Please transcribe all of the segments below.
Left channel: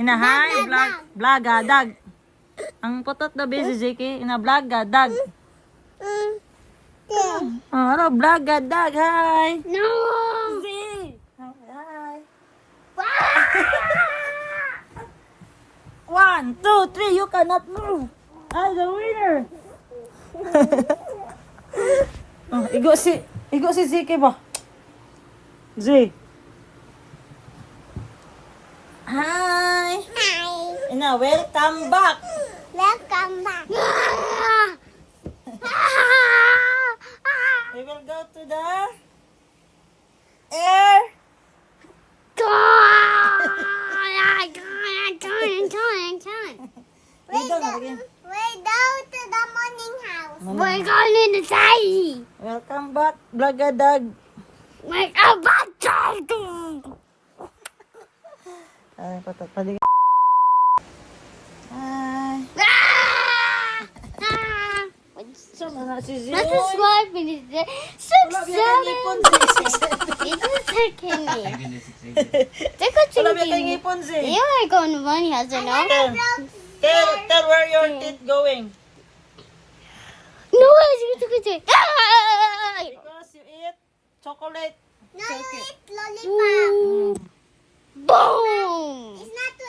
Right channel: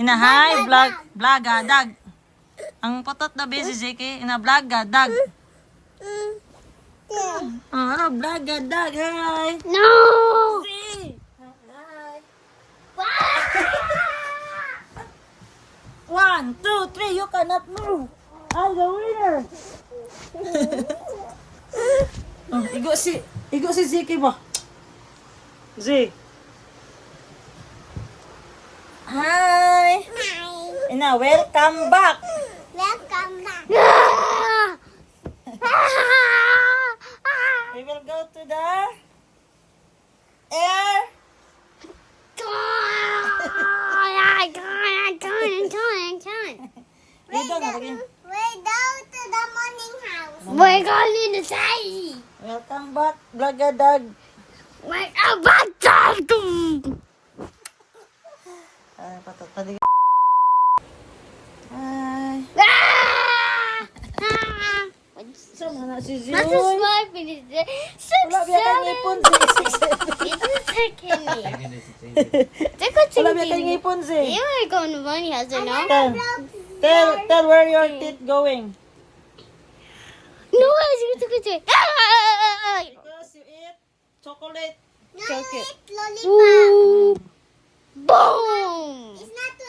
Inahay, vlog, dag. Ang putot na busy, Ziki. Vlog, dag. Hello, vlog, dag. Hi. No! Zee. Hi. 1, 2, 3, you cannot move. Hi, the winner. Igo si Ziki ba? Z. Hi. Ina, welcome back. Welcome back. We will go to the air. We go to the morning house. We're going inside. Welcome back, Blagadag. Welcome back to Hi. Sama na si Zee. What's this wife in his day? Wala biya kang ngipon, Zee. It's just taking me. Take a Wala biya kang thinking. ngipon, Zee. You are going to money house, you know? Tell where your teeth going. No, it's good to go. Because you eat chocolate. Lollipop. Boom! It's not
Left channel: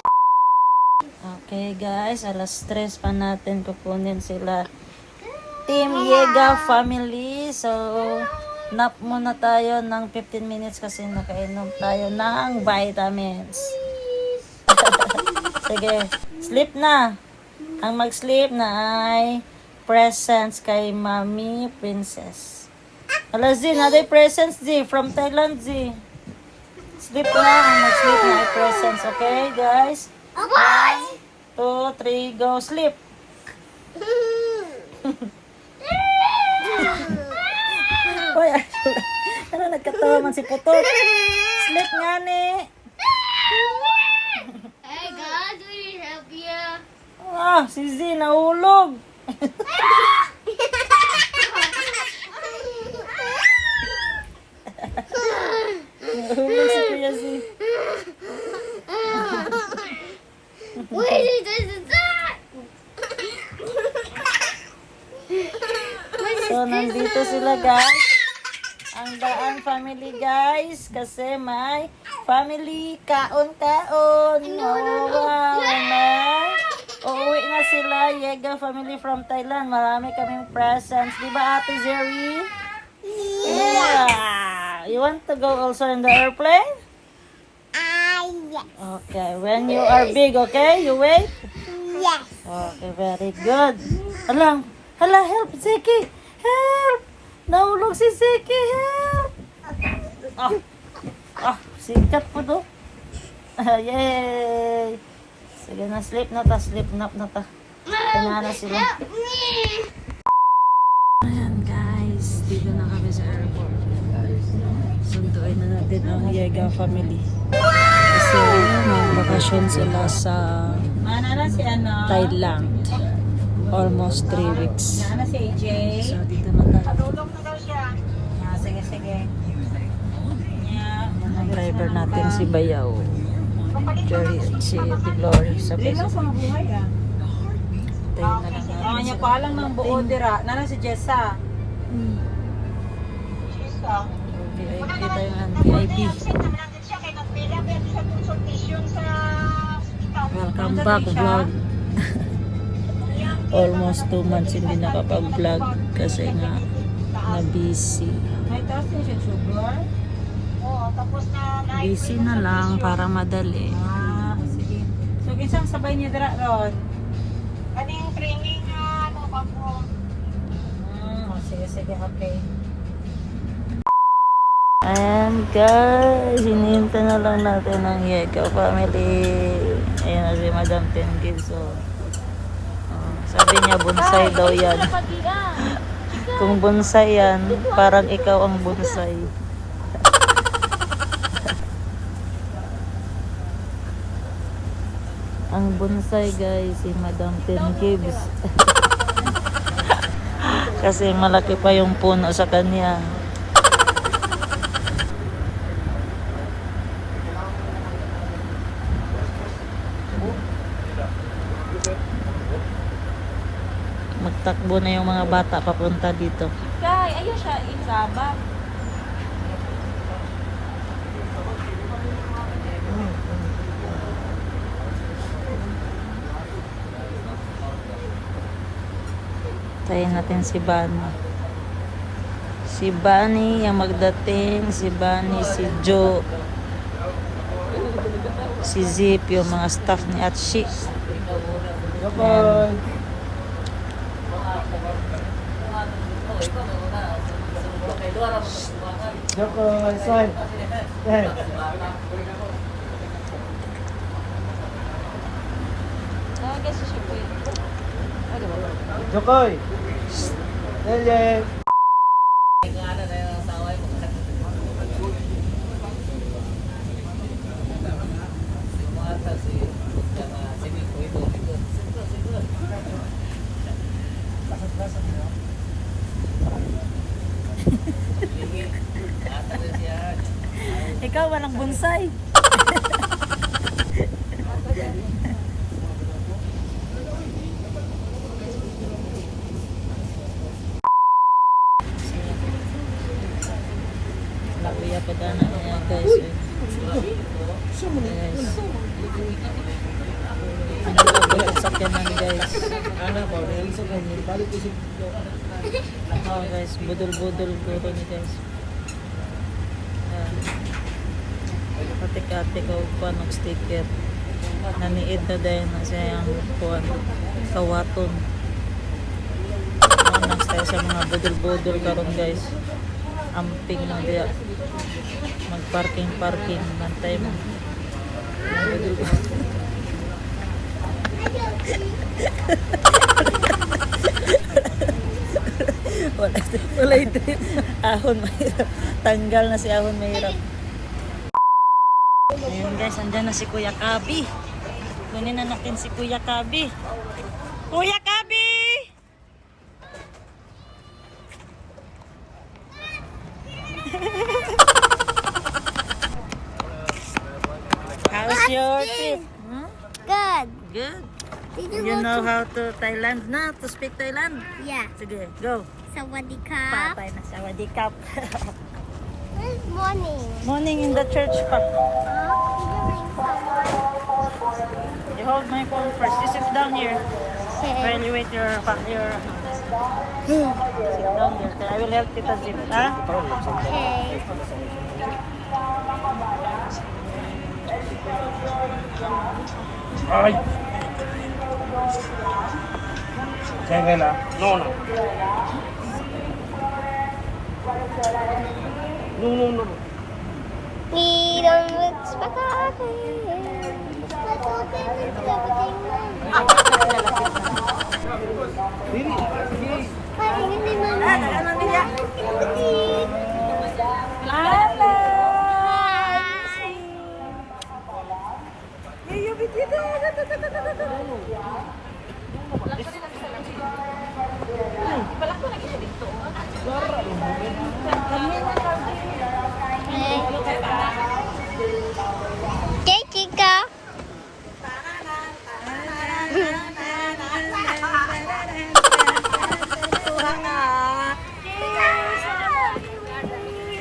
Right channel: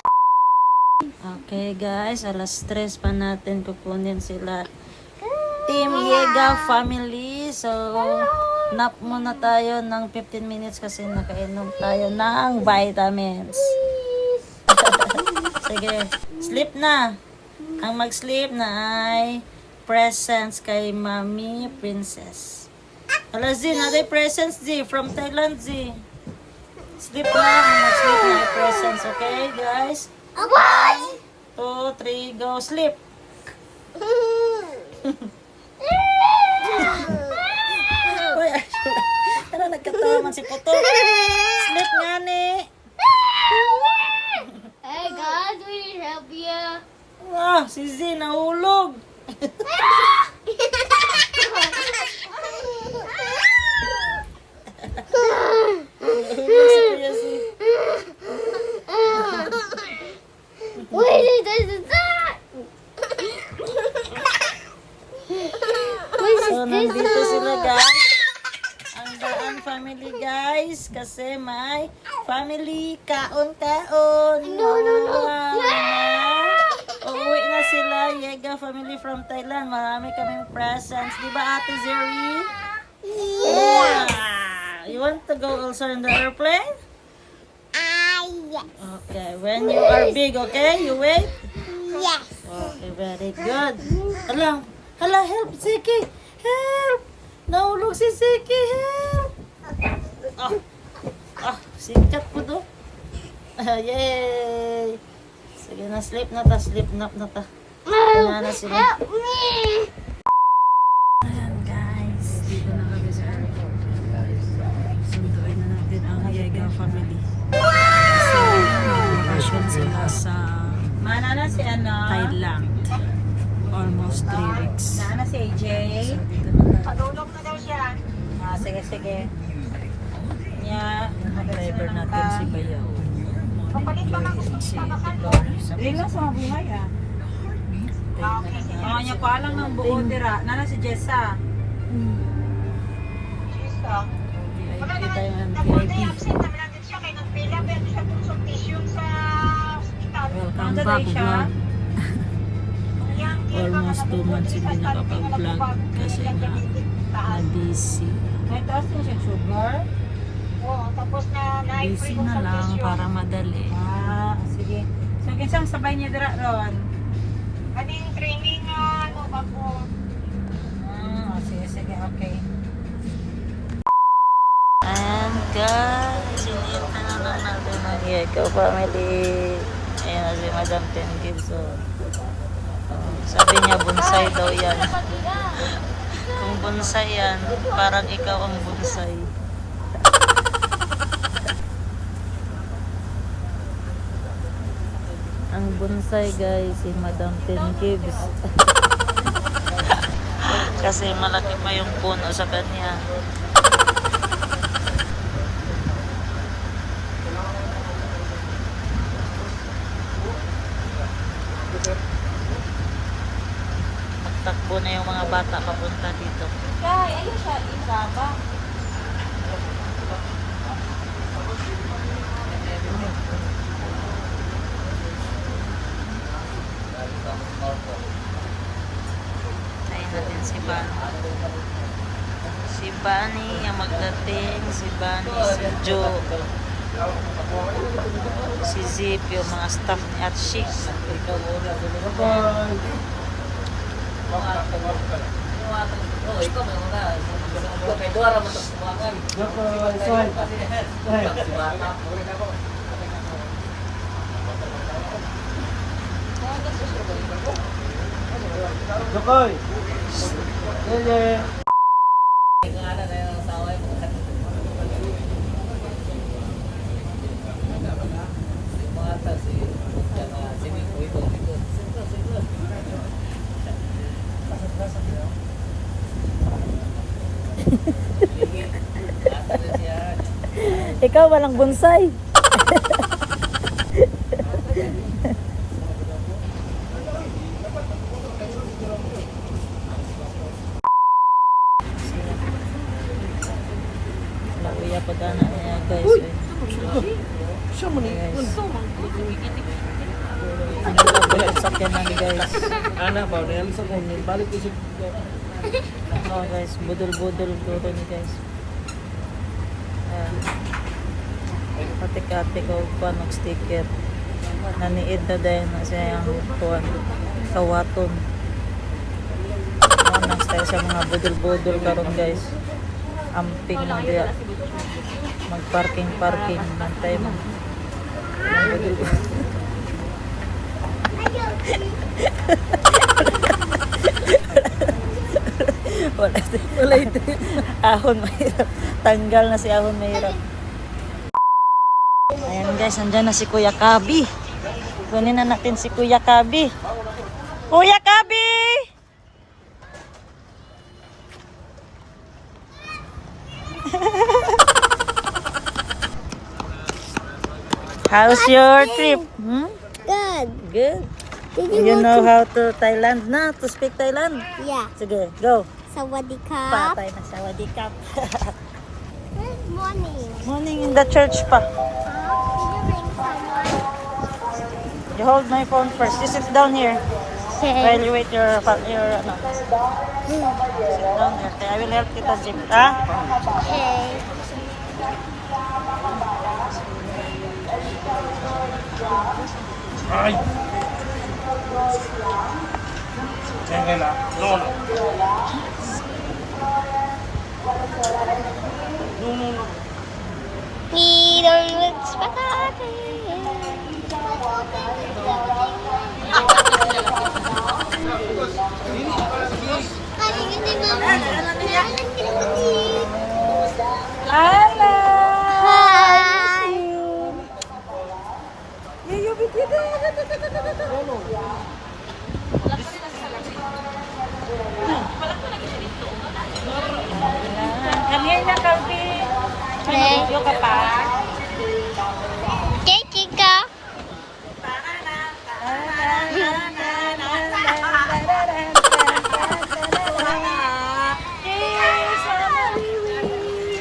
Okay guys, alas 3 pa natin kukunin sila. Team Yega family. So, nap muna tayo ng 15 minutes kasi nakainom tayo ng vitamins. Sige, sleep na. Ang mag-sleep na ay presents kay Mami Princess. Hala Z, naday presents Z from Thailand Z. Sleep na, ang mag-sleep na ay presents. Okay guys? 1, 2, 3, go sleep. Uy, ano nagkatawa man si Puto? Sleep nga ni. Hey God, we need help you. Ah, si Z nahulog. Really, this is that. So, nandito sila guys. Ang Daan family guys. Kasi may family kaon-kaon. Wow, na. Uuwi na sila. Yega family from Thailand. Marami kaming presents. Diba Ate Zeri? Yeah. You want to go also in the airplane? Yes. Okay. When you are big, okay? You wait? Yes. Okay, very good. Hala, help, Zeki. Help! Nahulog si Zeki, help! Sikap po to. Yay! Sige na, sleep na ta, sleep nap na ta. Kanya na sila. Ayan guys, dito na kami sa airport. Sunduin na natin ang Yega family. Kasi bakasyon sila sa Thailand. Almost 3 weeks. Nana si AJ. So, dito na tayo. Padulong na daw siya. Sige. Ang driver natin si Bayaw. Si Tiglory. Hindi na sa buhay ah. Tayo na lang natin Niya sila. pa lang ng buong dira. Nana si Jessa. VIP tayo ng VIP. Welcome back vlog. Almost 2 months hindi nakapag-vlog kasi nga na-busy. May taas mo siya sugar. Oo, tapos na Busy na lang para madali. Sige. So, kinsang sabay niya dira ron? Aning training ano ba po? Sige, okay. And guys, hinihintay na lang natin ang Yega family. Ayan na si Madam Tengil. So, sabi niya bonsai daw yan. Kung bonsai yan, parang ikaw ang bonsai. Ang bonsai guys, si Madam Ten Gibbs. Kasi malaki pa yung puno sa kanya. na yung mga bata papunta dito. Kaya natin si Bani. Si Bani yung magdating, si Bani, si Joe, si Zip, yung mga staff ni Atshi. Jokoy! Hindi! Ikaw walang bonsai. Lakuya pag-ana niya guys. Siya mo ni. Ang lakuya sa kanan guys. Ana ba? Niyan sa kanya. Balik ko si... Oh guys, budol-budol duro ni guys. Pati-kati ko pa ng sticker. Naniid na dahil na siya yung kuwan. Kawaton. Nang tayo sa mga budol-budol karon guys. Amping lang diya. Mag-parking. Nantay mo. Budol-budol. Wala ito. Ahon mahirap. Tanggal na si ahon mahirap. Ayan guys, andyan na si Kuya Kabi. Kunin na natin si Kuya Kabi. Kuya Kabi! How's your trip? Hmm? Good. Good. Did You know how to Thailand na? To speak Thailand? Yeah. Sige, go. Sawadee-ka. Patay na sawadikap. Good morning. Morning in the church pa. You hold my phone first. You sit down here while you wait your ano. Sit down there. Okay, I will help kita, Zip. Ha? Okay. Ay! Teka lang. We don't look spaghetti. Ano niya? Hi. Okay, Chica.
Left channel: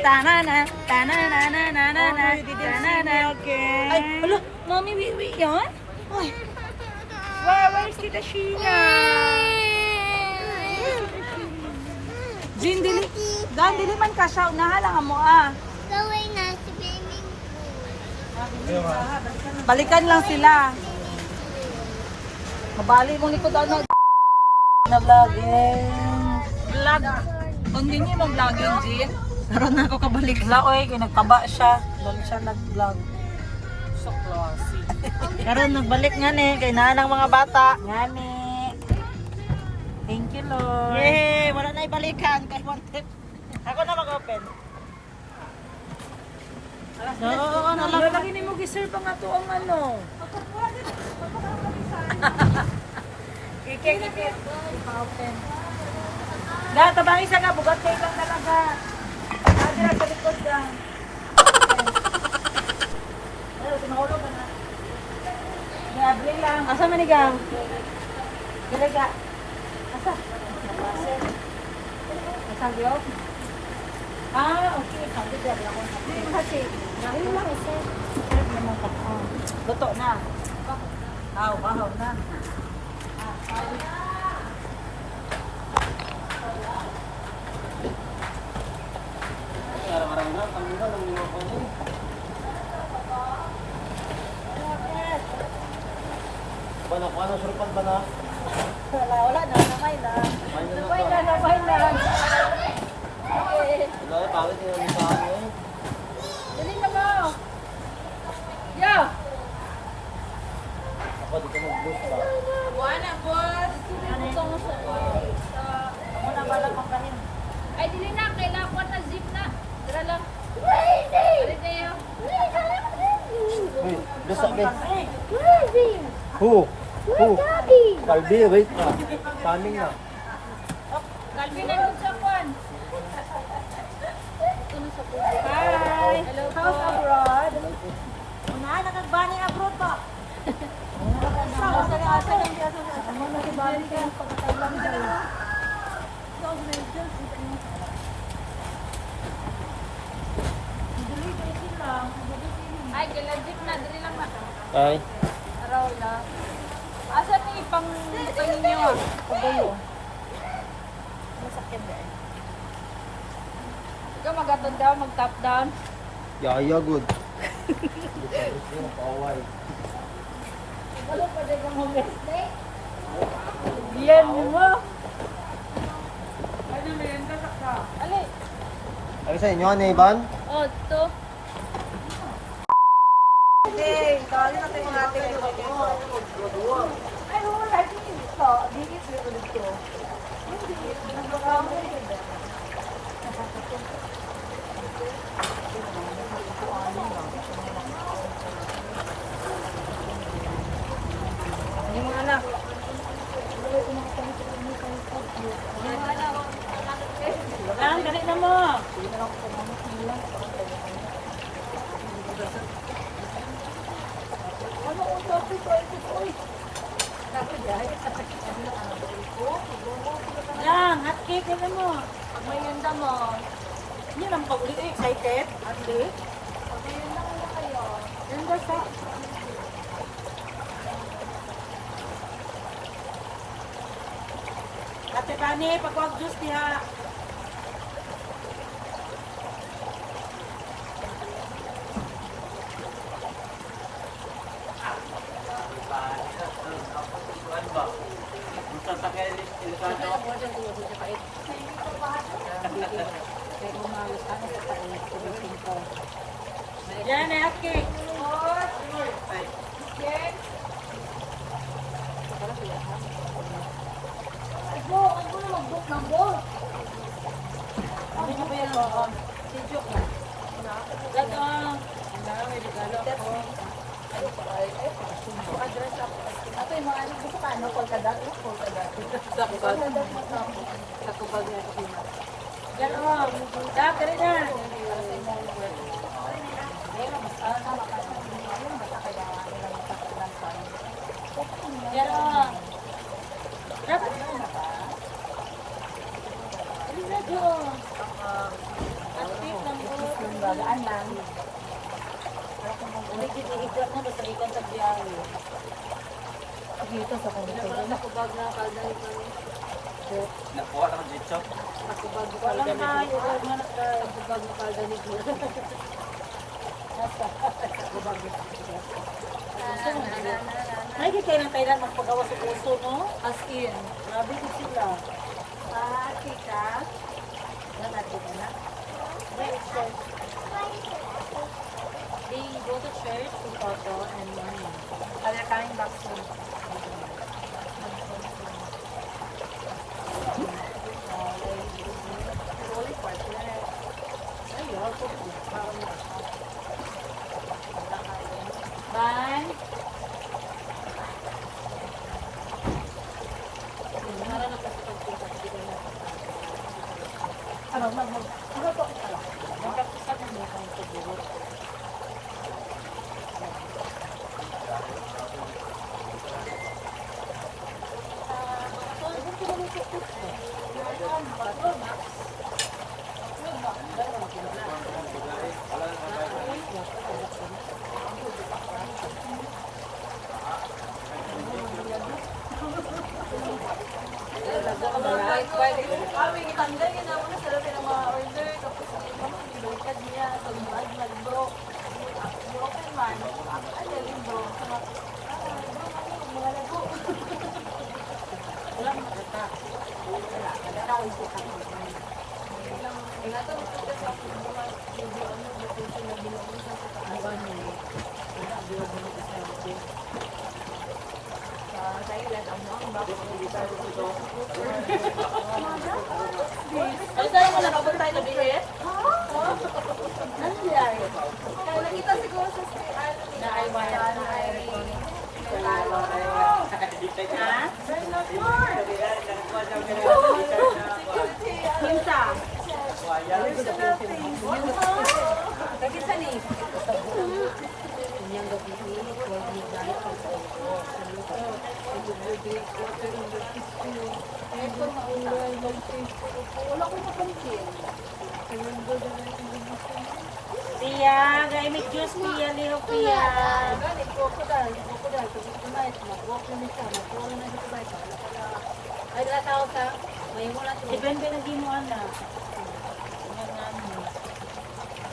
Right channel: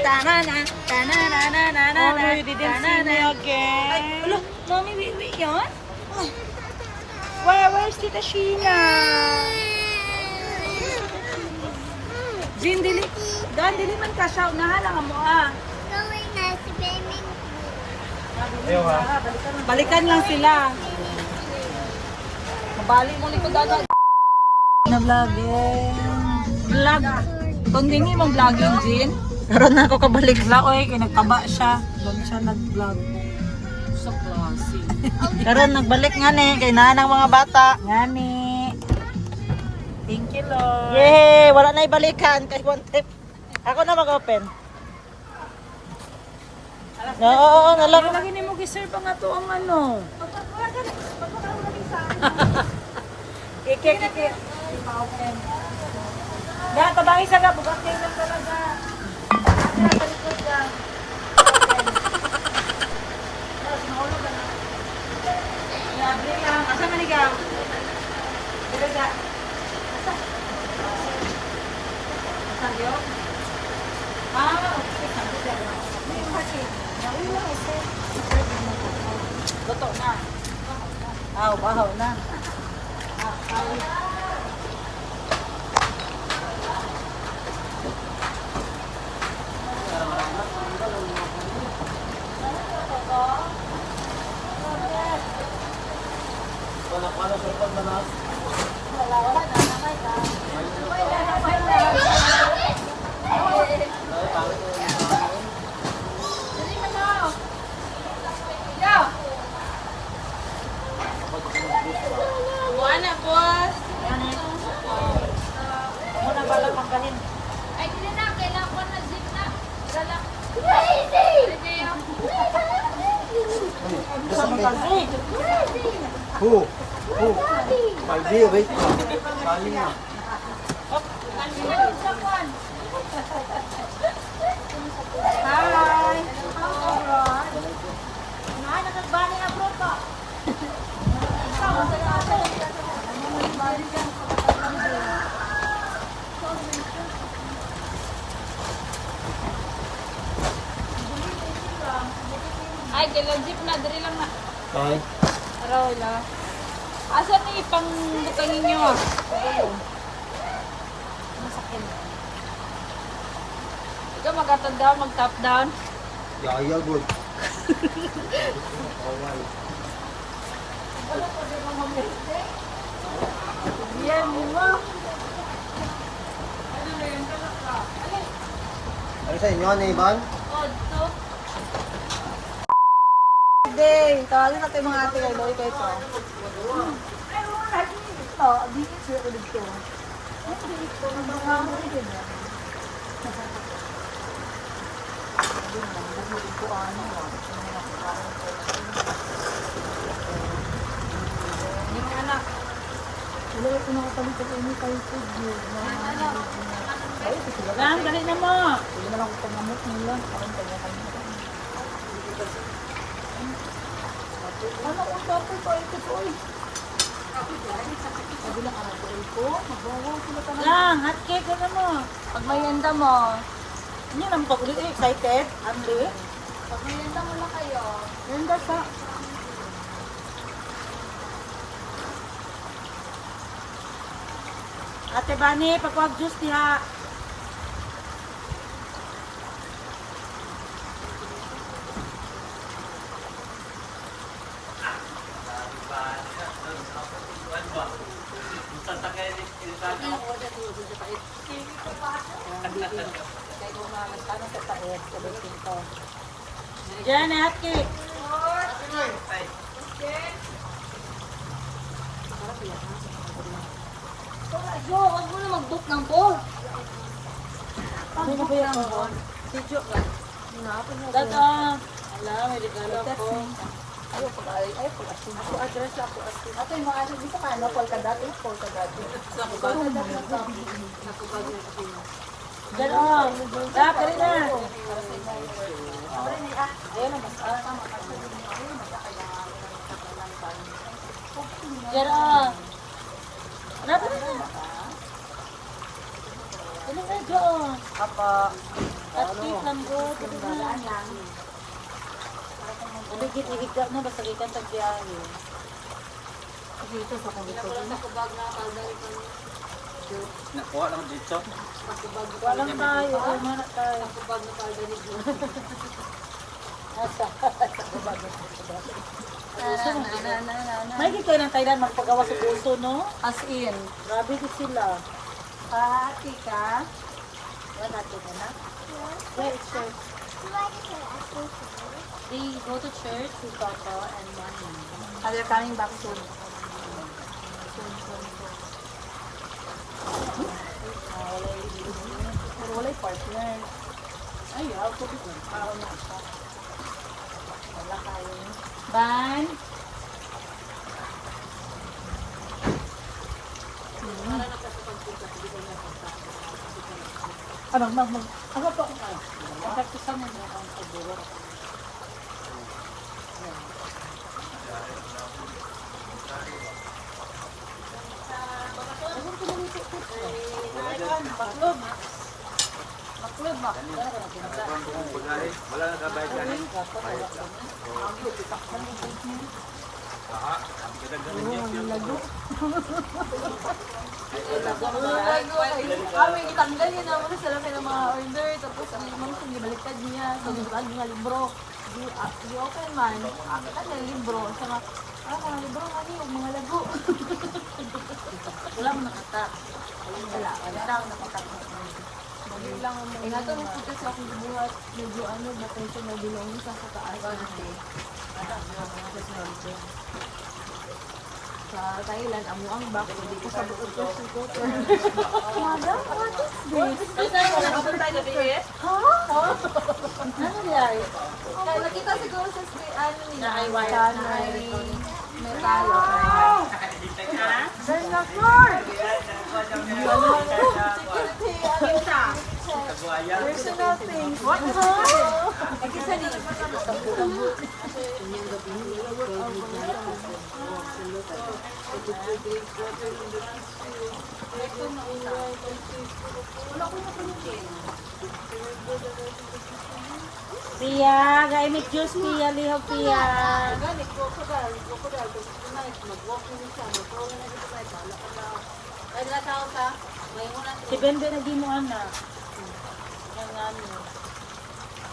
Tanana, tanana, tanana, tanana again. Look, mommy, wait, yan? Where's Tita Sheena? Jin, dili. Dan, dili man ka siya. Nahalang mo Going na si swimming pool. Ayaw ha? Balikan lang sila. Nabali ko likod anak. Na vlog. Vlog. Kundingi mong vlogging, Jin? Karoon na ako kabalik na. Oy, kinagtaba siya. Bago siya nag-vlog. So classy. Karoon, nagbalik nga ni. Kay ng mga bata. Nga ni. Thank you, Lord. Yay! Wala na ibalikan. Kay one tip. Ako na mag-open. Oo, nalang. Lagi ni mo giserve nga to ang ano. Kike. Open. Da, tabang isa ka. Bugat kayo lang talaga. Adi na sa likod ka. Sinulog na. Bring lang. Asa manigang? Bring ka. Sagyok? Ah, okay. Kasi, gawin mo lang ito. Luto na. Aw, bahaw na. Paano sa pag na? Wala na, namay na. Namay na. Okay. Dali ka na. Yo! Ako di ka mag-boost pa. Wala, boss. Muna bala pangkahin. Ay, dili na. Kailangan ko na zip na. Tara lang. Crazy! Rineo. Uy, basta ka. Crazy! Who? Who? Daddy! Paldi, wait. Sa amin na. Kalmi na din sa kwan. Hi. Hello, how's abroad? Ay, dila jeep na. Dili lang na. Ay. Roy lang. Asa ni pang bukangin nyo? Pabulo. Masakyan ba? Ikaw mag-up down, mag-top down. Yayag mo. Away. Ano pa din ang mga Glenn mo. Ay sa inyo, ano Ivan? Oh, ito. Sige, tawagin natin mga ate kay Loy kayo. Ay, wala dito. Dito sa ulit ko. Ang programa ko dito. Yung mga anak. Ilaway ko nakapalit ko ini tayo food yun. Yung ano? Lang, dali na mo. Hindi na lang ko pangamot nila. Parang tayo kayo. Ano kung topi ko? Ito ko. Lang, hot cake na mo. Pag may yanda mo. Hindi lang pag-ulit. Excited? Andi? Pag may yanda mo na kayo. Ganda sa... Ate Bani, pagwag juice diha. Diyan, hot cake. Jo, huwag mo na mag-book ng ball. Ano mo kuya ko? Si Jo ba? Dato. Wala, may regalo ko. Ayaw ko ba? Ayaw ko kasi. Address ako kasi. Ato yung mga anak gusto ka, ano? Polkadot? Polkadot. Sa kubag. Sa kubag niya sa Pinas. Diyan o. Tap, kari na. Diyan o. Dapat na. Ano na, Jo? At cake lang po. Balaan lang. Ano dito ikot na basta ikot sa biyahe. Dito sa kong dito. Nakubag na kalda ni Pani. Nakuha lang dito. Walang tayo. Mana tayo. Nakubag na kalda ni Pani. May kita ng Thailand magpagawa sa puso, no? Askin. Grabe din sila. Pati ka. Wala ka na? Where is church? They go to church with Toto and Mommy. Are they coming back soon? Pero wala yung partner. Ay, ako din. Ban. Ano, ano to? Mag-practice ka mo din ang siguro. Ayun, pinalito ko. May gitanggal niya naman sa labi ng mga order. Tapos limang sinibaliktad niya. So, bag niya libro. Di-open man. Ano yung libro? So, libro ka niya pag mga lago. Wala mo nakita. Wala. Tao nakita. Ito makita sa aking buhat. Medyo ano, bakit siya nagulong sa taas. Sa Thailand, ang mukhang bakit hindi sa Ano nangyari? nakita siguro sa ano nila. Na ay wire. Pia, gaimik juice Pia, liho Pia. Depende na din mo anak.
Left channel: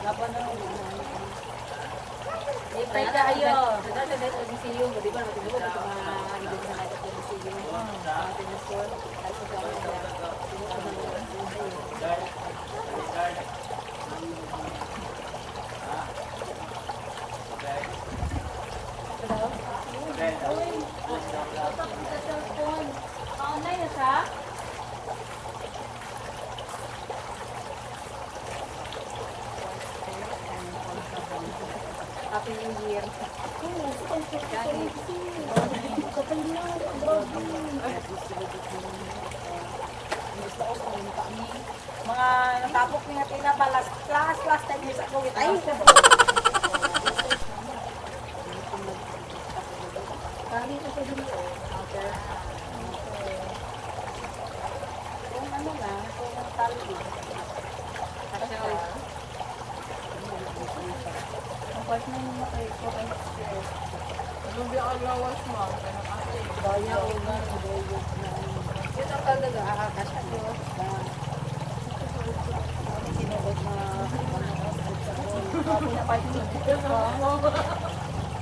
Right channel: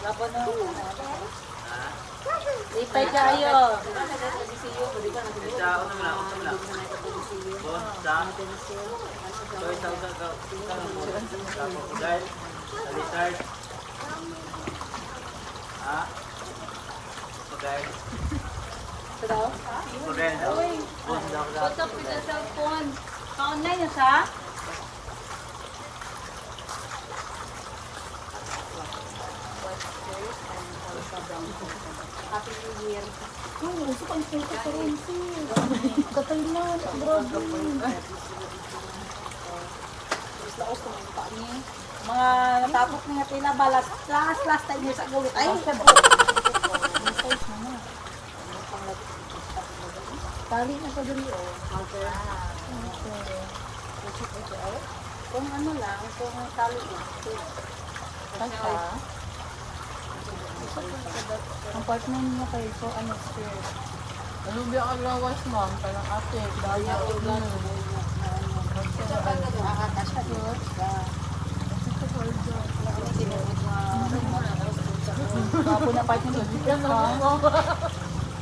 Laban na. Lipay kayo. Online na siya? Happy New Year. Oo, sa konsulta ko rin Katay na, grabe. Mga natapos niya pinabalas. Last time niya sa gawit. Ay, tali na sa duli, oh. Okay. Kung ano lang, kung tali din. Kasi, ang partner niya kay ko ay experience. Lubi ako lawas mo, kanang ate. Daya ko na. Ito talaga. Kasi diwas na. Sinuot na. Kapo na partner niya.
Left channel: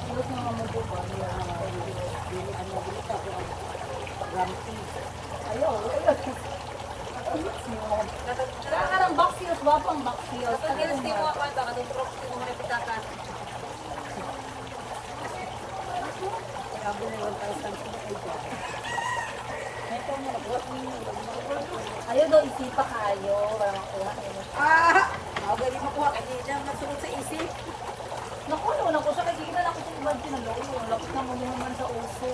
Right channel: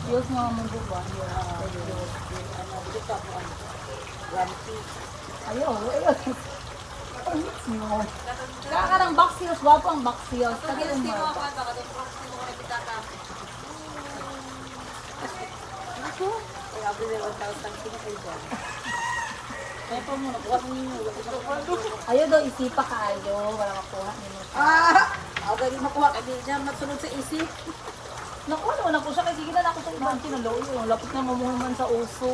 Diyos nga mo po ba? Ayaw. Kakarang baksios, wapang baksios. Katong gilasti mo ako ito, katong proxy mo na pitaka. Ayaw daw isipa kayo. Walang makuha niyo. Ako galing makuha kasi niya masunod sa isip. Naku, naman ako siya kasi kita ako sa ibang pinaloyo. Ang lapit na mamuhaman sa uso.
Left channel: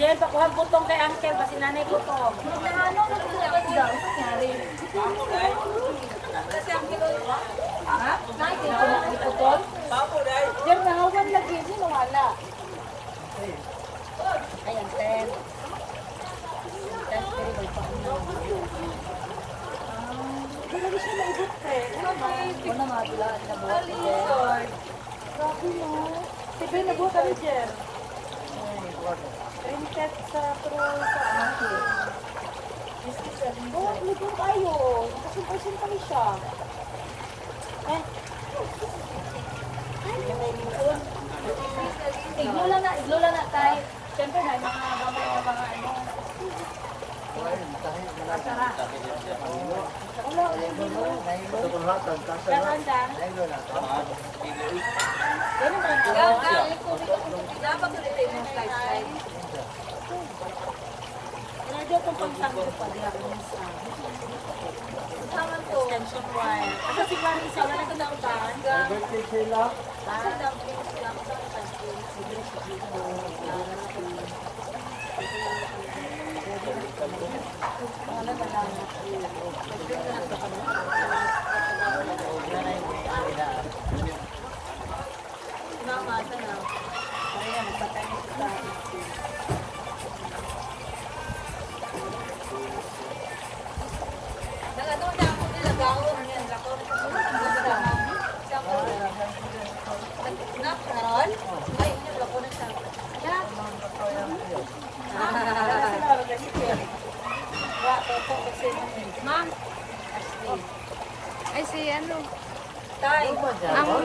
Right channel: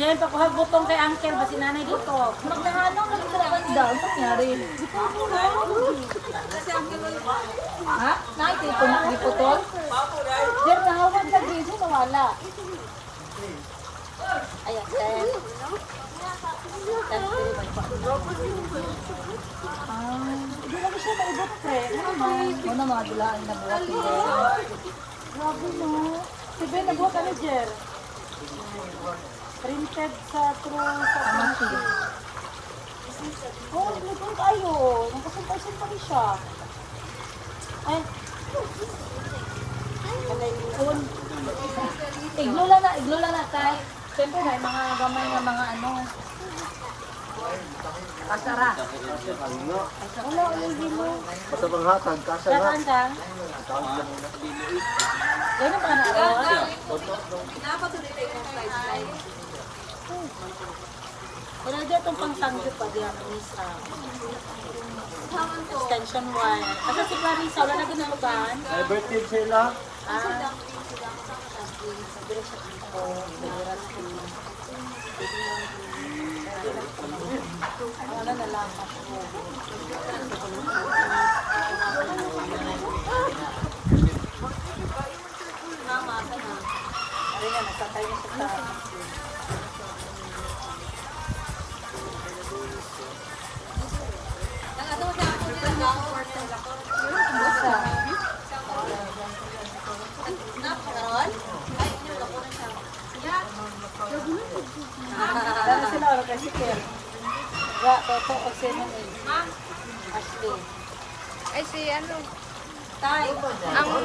Yan, pakuha butong kay Uncle, basi nanay ko to. Nagnahanong na ito naman daw. Ano nangyari? Kasi ang kilo Ha? Nakikita ko na iputol? Yan, nahawag lagi, yun nawala. Ayan, 10. 10, 3, by 5. Hindi lagi siya maibot, pre. Mo na mga dulaan na buhat ni Jer. Grabe no. Sige, nagbuha kami, Jer. Printed sa true sa Amati. oh, ligon tayo. Nakasimpay-simpay siya. Ay, Iglo lang na, tay. Siyempre na, mga gamay na mga ano. Asara. wala ko yung bilo. Sa mga hatag, kasa na. Dakaan ka? Ganun ka na araw. dapat ulit yung slide. Wala dyan itong pang-sangkot pa diyan. Taman to. Extension wire. Kasi si Clarissa, wala na ganalutan. Birthday sila. Kasi dumpling sila. Kasama dumpling. Wala na lang. Namasa na. Ayan, nagsakay na sa tayo.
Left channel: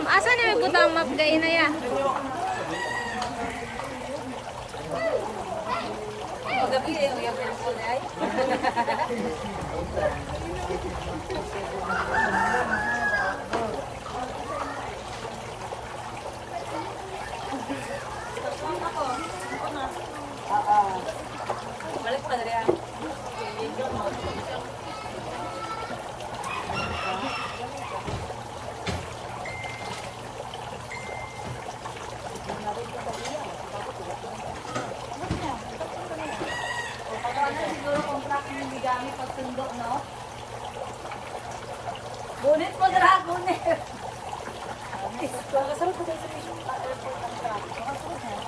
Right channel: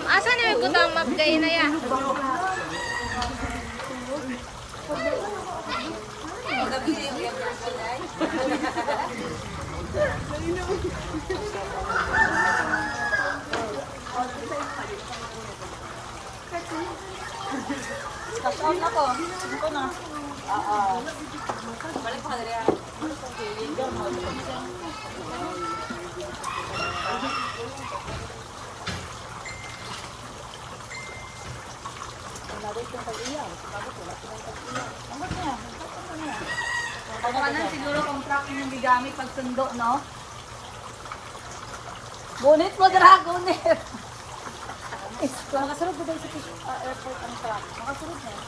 Asa na ito daw mag-day na yan? Siguro contract yung bigami pag sundo, no? Gunit mo, Dragoner! Nakasunod ba tayo sa airport ang truck? Nakasunod na yan.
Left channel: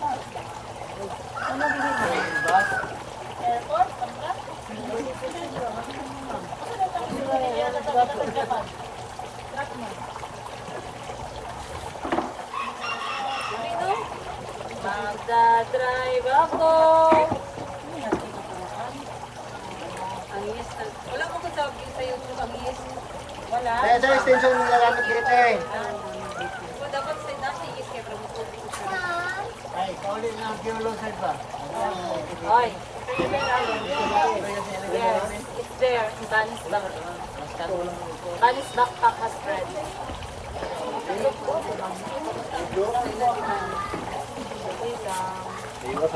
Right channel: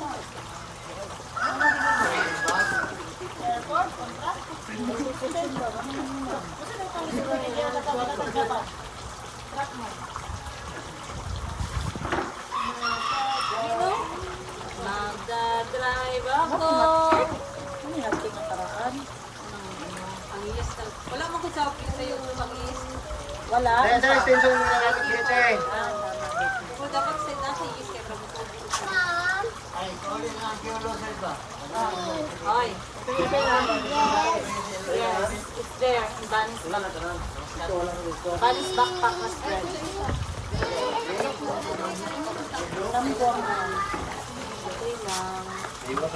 Ano dinili? Airport? Ang truck? Kasi na tayo sa Japan. Truck mo. Hindi, no? Magdadrive ako! Ano yung natin na paraan? Wala mo kung sa YouTube ang is. Wala. Kaya sir, tinong nagamit dito eh. Kung dapat sinang is kaya pag Ay, kauli na ang kiulo sir ba? Oy. Yes, it's there. Banis backpack has spread. Wala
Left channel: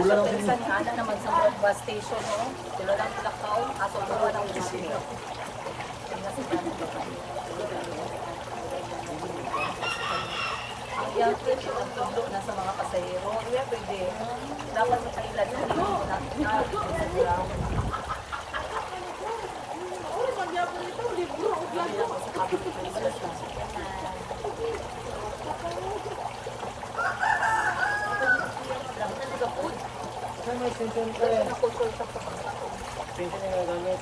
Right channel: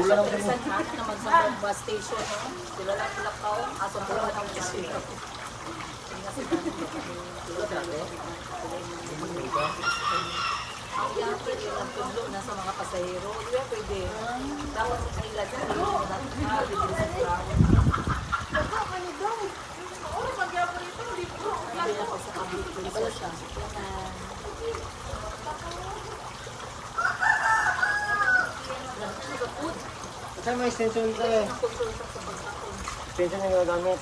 siya pinsan hana naman sa bus station, no? Sila lang palakaw, aso buwan ang disiyo. Ang yung kit ang tulog na sa mga pasahero. Kaya pwede, dapat sa kailan yung hindi mo natin Sir, may extension ito eh. Extension yung nagamit.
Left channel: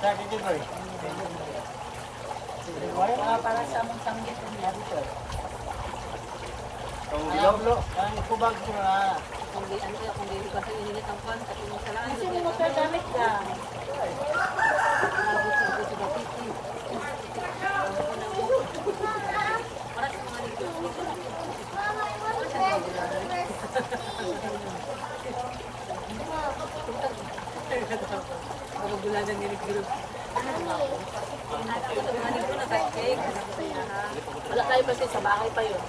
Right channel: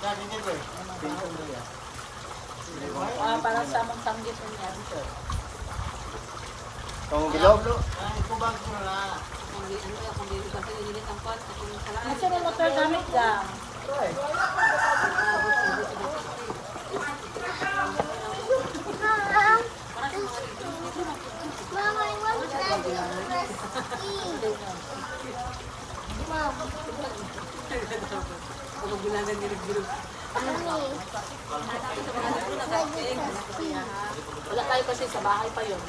Sir, dito po eh. para sa mong sanggit ang lagi, sir. Kung diloblo, ay kubag ko na. Kung di kasi inilit ang kwan, tapos mo sa lang. Kasi mo sir, gamit lang. Para sa mga dito. Kapagulanan ni Group. Wala tayo kasi sa bahay pa yun.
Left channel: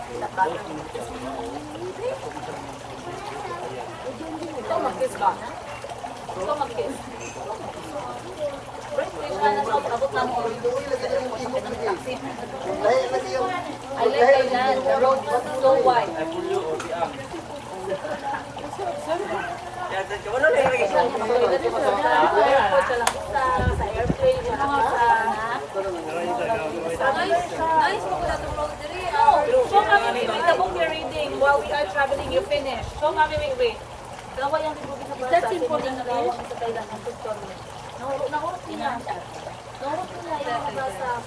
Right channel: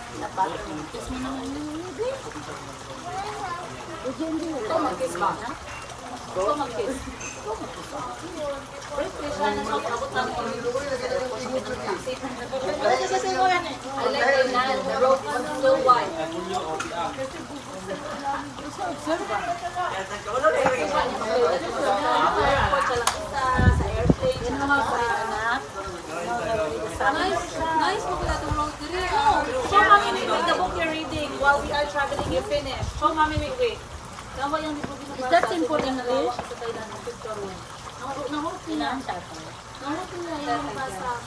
Ikaw mag-kiss ba? Ikaw mag-kiss. Wait, na sa abot ng mga doon sa airport sa pinang taxi. I like Thailand. The road was so wide. Sa airport, sa lakita, sa airplane, sa nice mo kung itong road diri. Show Mami Wait, the book you're reading while we are traveling, you finish. Show Mami Wait. Gawa yung libro sa That's important, Thailand. Ang tutorial. Nahurot niya. Nahurot niya yung magbasa.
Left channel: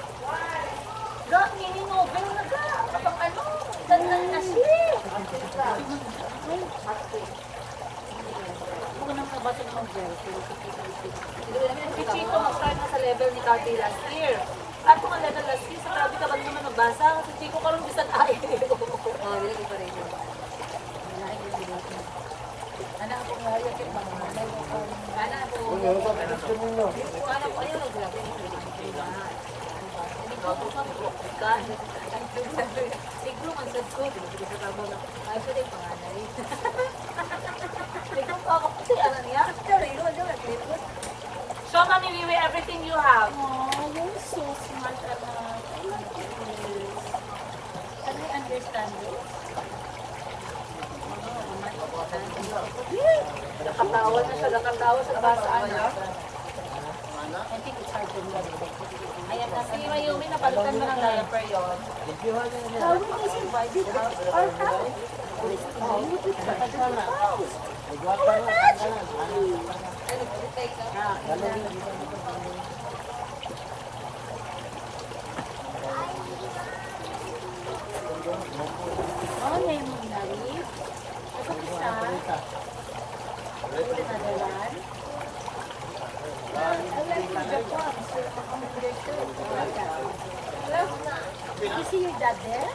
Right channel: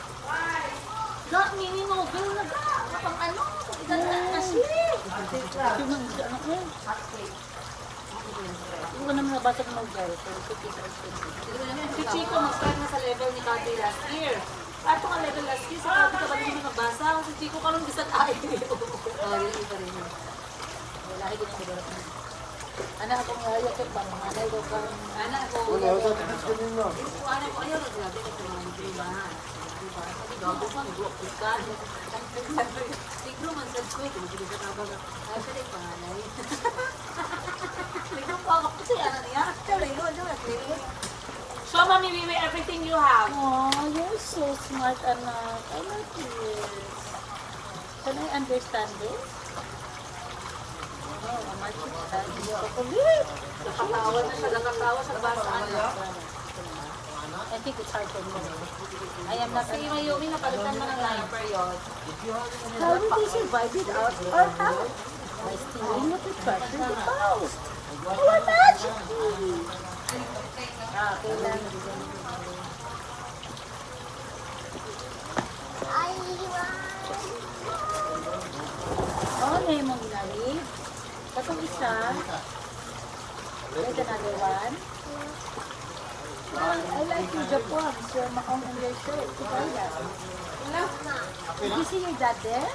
Ga, mini novel na ga. Kapag ano, ilan ng Ashley. Hindi ko naman nabasa ng novel. Si Chico mag-start na sa level ni Calvi last year. At kung ang level last year, sa Calvi ka ba hindi nakabasa? Kasi Chico karoon bisag ay. Oo, ginagi pa rin yun. Ginagi pa rin yun. Anak ko nga yun, kaya mananay ko pa. Anak ko. Anak ko, ayun, naglabi ko sa mga kailangan. Ligro man sa ko, actually panganay. Ligro pa ako kasi anak niya. Show Mami Wiwi everything you have. Oh, you're so smart, anak. I like this. Can I understand this? Nakatawa na siya, nakatawa sa basa anak. I think it's hard for me. Ayan na, si Mayumi, napalitan mo ng diaper yun. How will they survive it our house? How would you try to the house? Oh, na yung mga ilalim. Tapos isa. Wait, another one. I like your Japan. So, ma-congratulations. Hello? Did you see your dad there?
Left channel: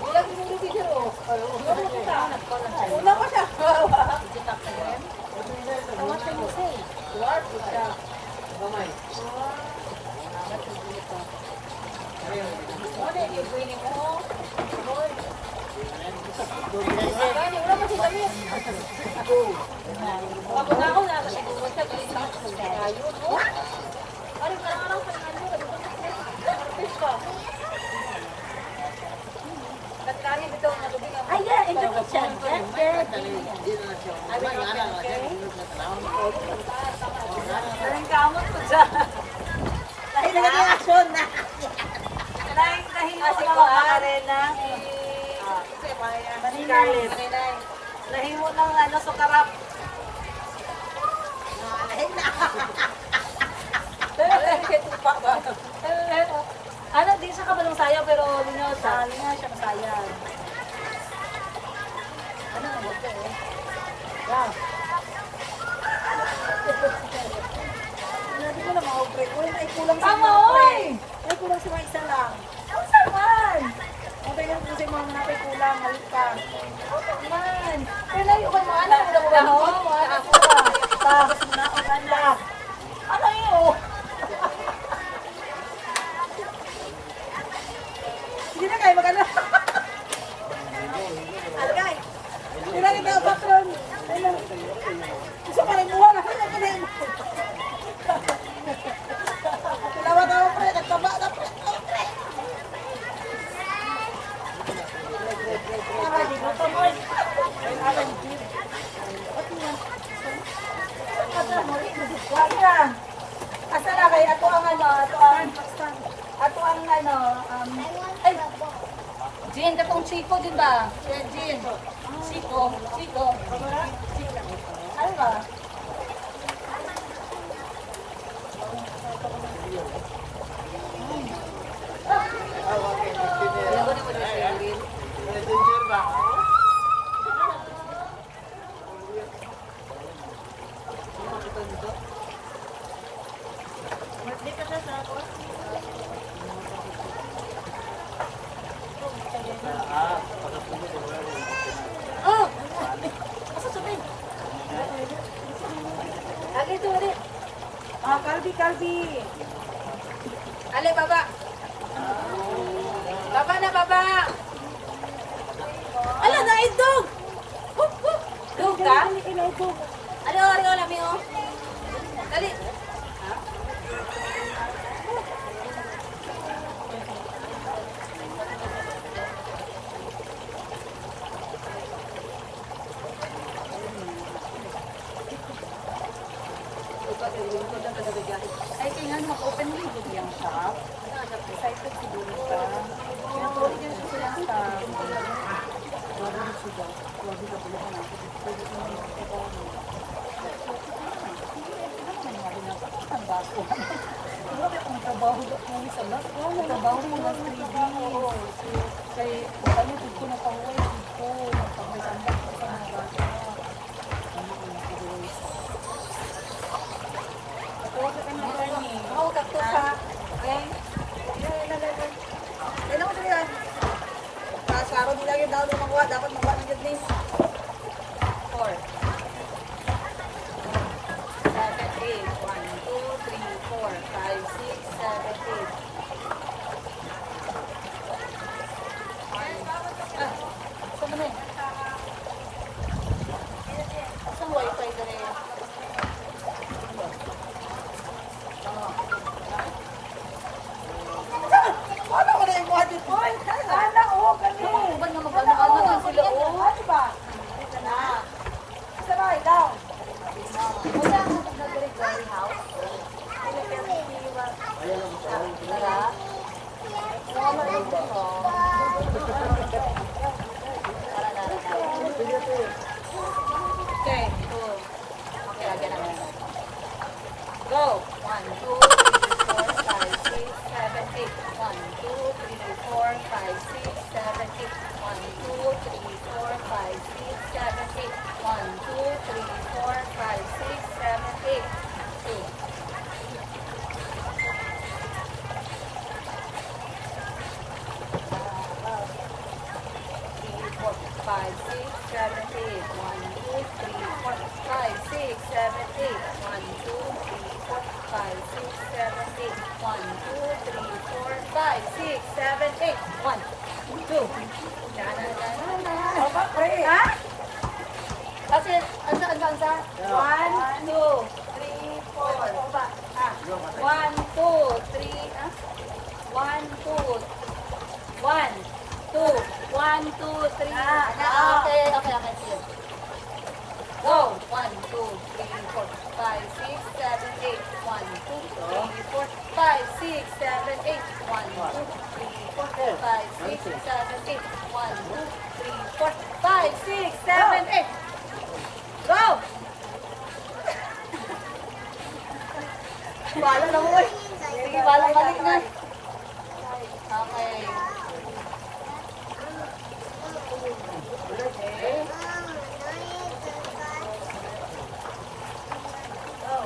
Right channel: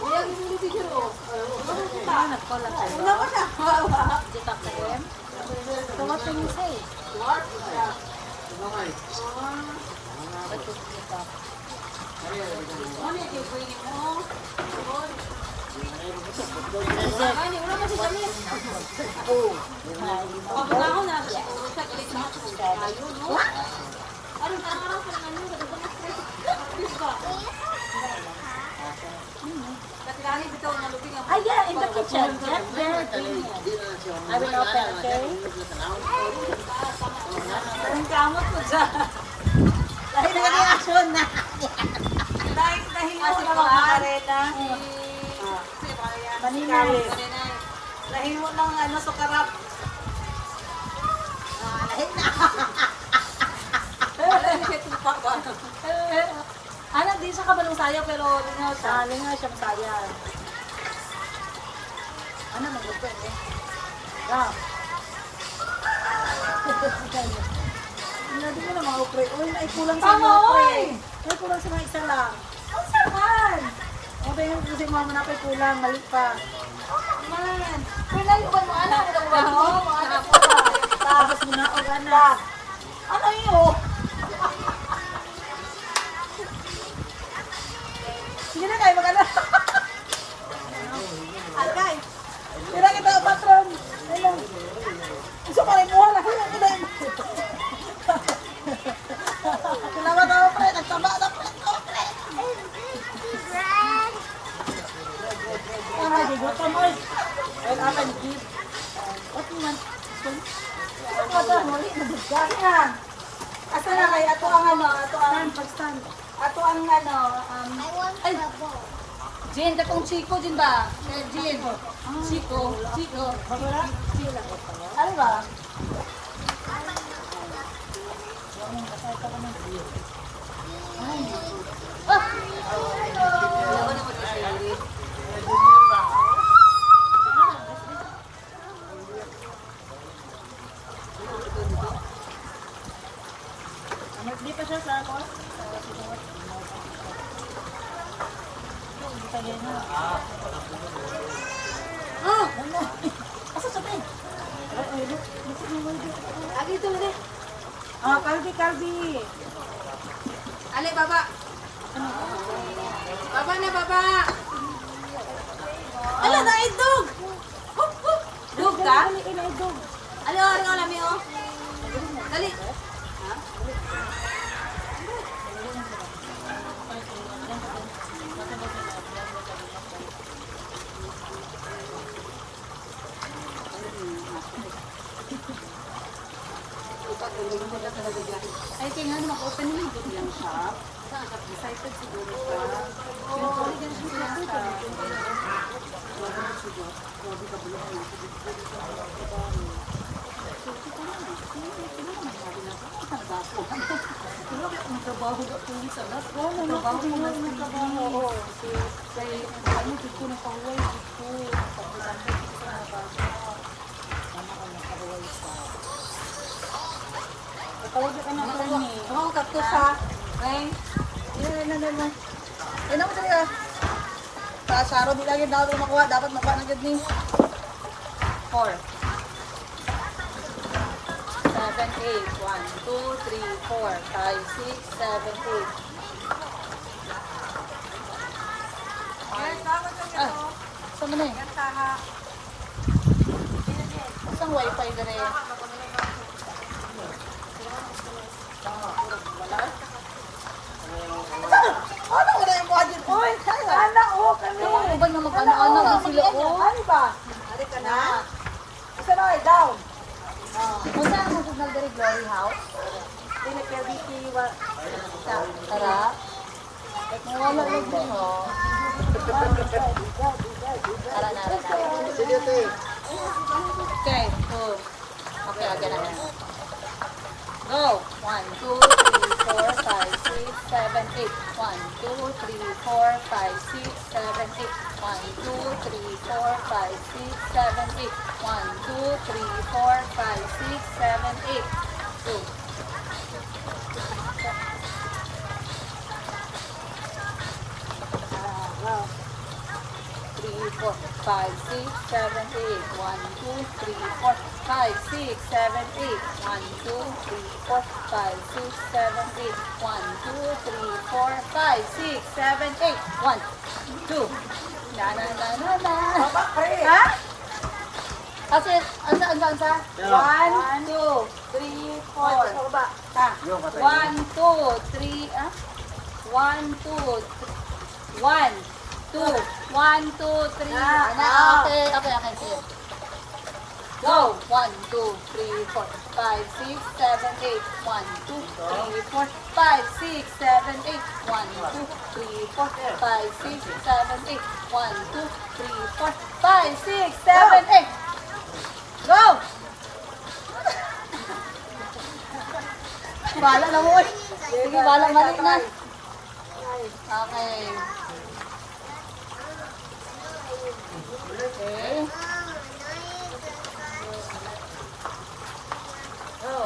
Wala ko yung video. Nagkolang tayo. Wala ko siya. Did you talk to them? So, what can you say? What can you talk? Ano yung bringing home? Gani, wala mo si Janet. Pag ako na, siya galit na ako. Ayun, no? Arin, parang pa yung ano, fish ka. Natinani bitaw na lubin yung... Ah, yeah, in the kitchen. Get there. I will open, okay? Parang kamot ko dyan. Dahil na reaction na. Nahingo na mga arena. Maninay. Nahingo ng ano, sukarap. Ano, di siya kabalong sayo pero lingaw siya. Lingaw siya kasaya. Ano mo ba eh? Wow. Hindi mo na mga-upre. Uy, ay kulang sa mga upre. Ay kulang sa mga isa lang. Ang saman! Mabay nga kasi mga manapay kulang. Mali pa. Man, pero layo ba mga anak ng baho? Tapos mo na ang ganda. Ano yun? Sige na kayo, mag-ano. Alagay. Tira kita ang patron. Ano? Gusto ko rin muha na. Kaya ko na yung Salamat ako, pre. Nagtaba na, pre. Pre. Ah, gutom mo. When I went deep. What do you want? Ano mali? Nagdagaya. Asa na kayo? Ato ang ano? Ato ang ano? I want the ball. Jin, katong Chico din ba? Jin. Chico. Ano ba? Ayaw ko na mo na siya. Di pa siya sa ako? Oh! Asa sa bin? Lagi ito ulit. Ah, Kalbi. Ale, baba. Baba na, baba. Ala, naidog. Dog ka? Ali, oh, ringaw namin, oh. Dali. Ay, tingnan, mag-open mo yung yung shop. Excited siguro ka. Pinatuloy niya siya yung shop. Trabaho ka po sa lot. Trabaho ko ng 3D. Kaya ano, ko na pahuway ko. Tambay-tambay ko sa mga bata. Ano ko na pahuway sa. Patawag ka na ba ni? Oh, kaktus ha. Ay. Yan mo talaga. Sa Saro, di lagi daw makuha. Dapat makuha ng gad ni. 4. 7, 8. 1, 2, 3, 4, 5, 6, 7, 8. Ah, saan mo na eh? Isang wifi na rin. Ano ko na yung budget? Hoy, sana o kami. Ano ba na mag-ano-ano din sila, oh? Ano ba? Na. Isa na, down. Kung saan ang signal direct learning house? Dili pero iwa. Tara. Wala lang po, oh. Tara, nara. Okay, so. Okay, again. Yan na, yan na. Go! 1, 2, 3, 4, 5, 6, 7, 8. 1, 2, 3, 4, 5, 6, 7, 8. 1, 2, 3, 4, 5, 6, 7, 8. 1, 2, 3, 4, 5, 6, 7, 8. 2. Wow. 3, 4, 5, 6, 7, 8. 1, 2, 3, 4, 5, 6, 7, 8. 1, 2, 3, 4, 5, 6, 7, 8. 1, 2, 3, 4, 5, 6, 7, 8. 1, 2. Na na na na na. Ha? Kasi, ansa? 1, 2, 3, 4. Ha? 1, 2, 3, 1, 2, 1, 2, 1, 2, 3. Okay. Sige. Go! 1, 2, 3, 4, 5, 6, 7, 8. 1, 2, 3, 4, 5, 6, 7, 8. 1, 2, 3, 4, 5, 6, 7, 8. 1, 2, 3, 4, 5, 6, 7, 8. Go! Bala na mo. Sige, bala mali na. Okay. Okay. Go.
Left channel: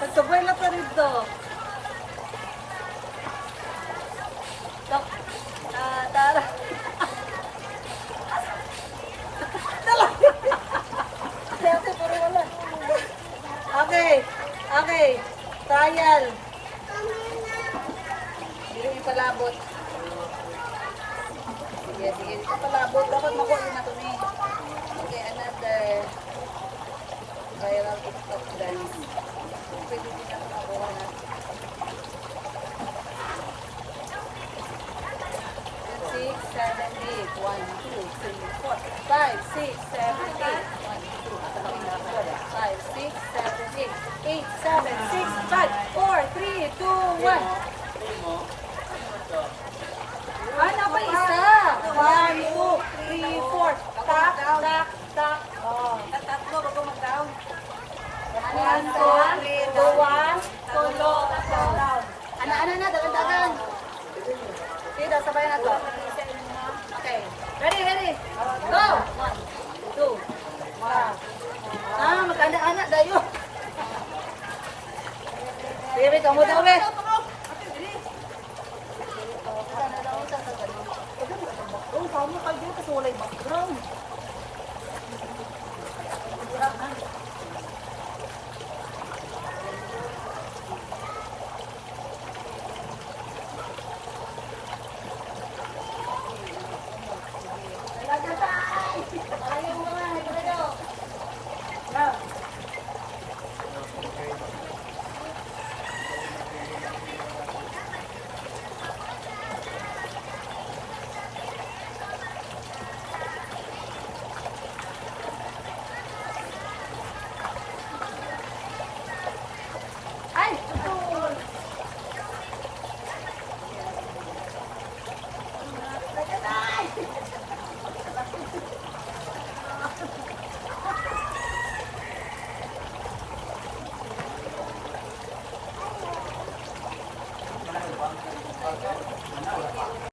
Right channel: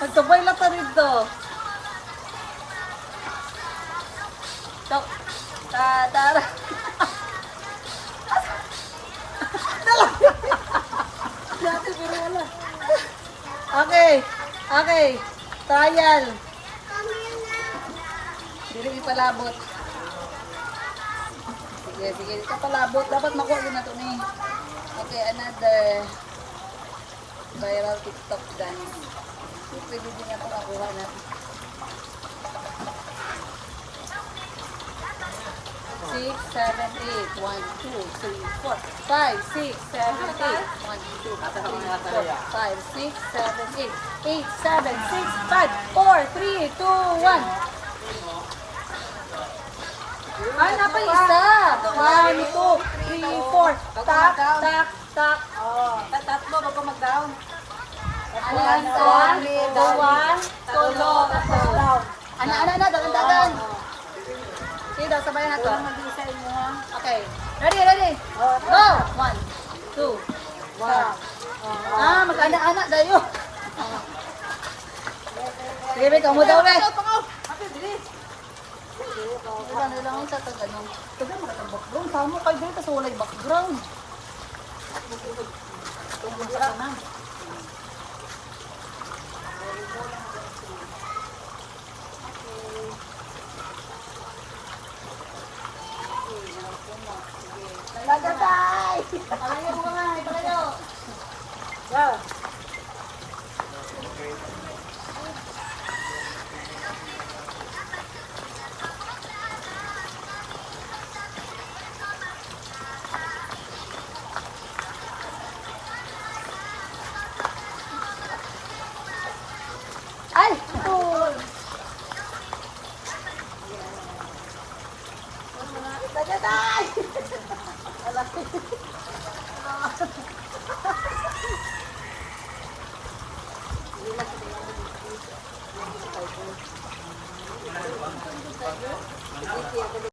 Nagsabay lang pa rin to. Tok. Tara. Dati pero wala. Okay. Trial. Hindi ipalabot. Sige. Ito palabot. Dapat makuha yun na ito ni. Okay, another viral TikTok dance. Pwede din ako nakuha na. 6, 7, 8. 1, 2, 3, 4, 5, 6, 7, 8. 1, 2, 3, 4, 5, 6, 7, 8. 8, 7, 6. 5, 4, 3, 2, 1. Napa isa. 1, 2, 3, 4. Tak. Tatlo bago mag-down. Ano yan? Dua. Solo. Ana, dagan. Sige daw, sabayan na to. Okay. Ready. Go! 1, 2. Mag-ana-ana dayo. Sige, may kamu daw, be. Wala na lang sa taganong. Taganong ka sa background. Sama kayo dito kasi walay background. Talaga, guys! Talaga mo!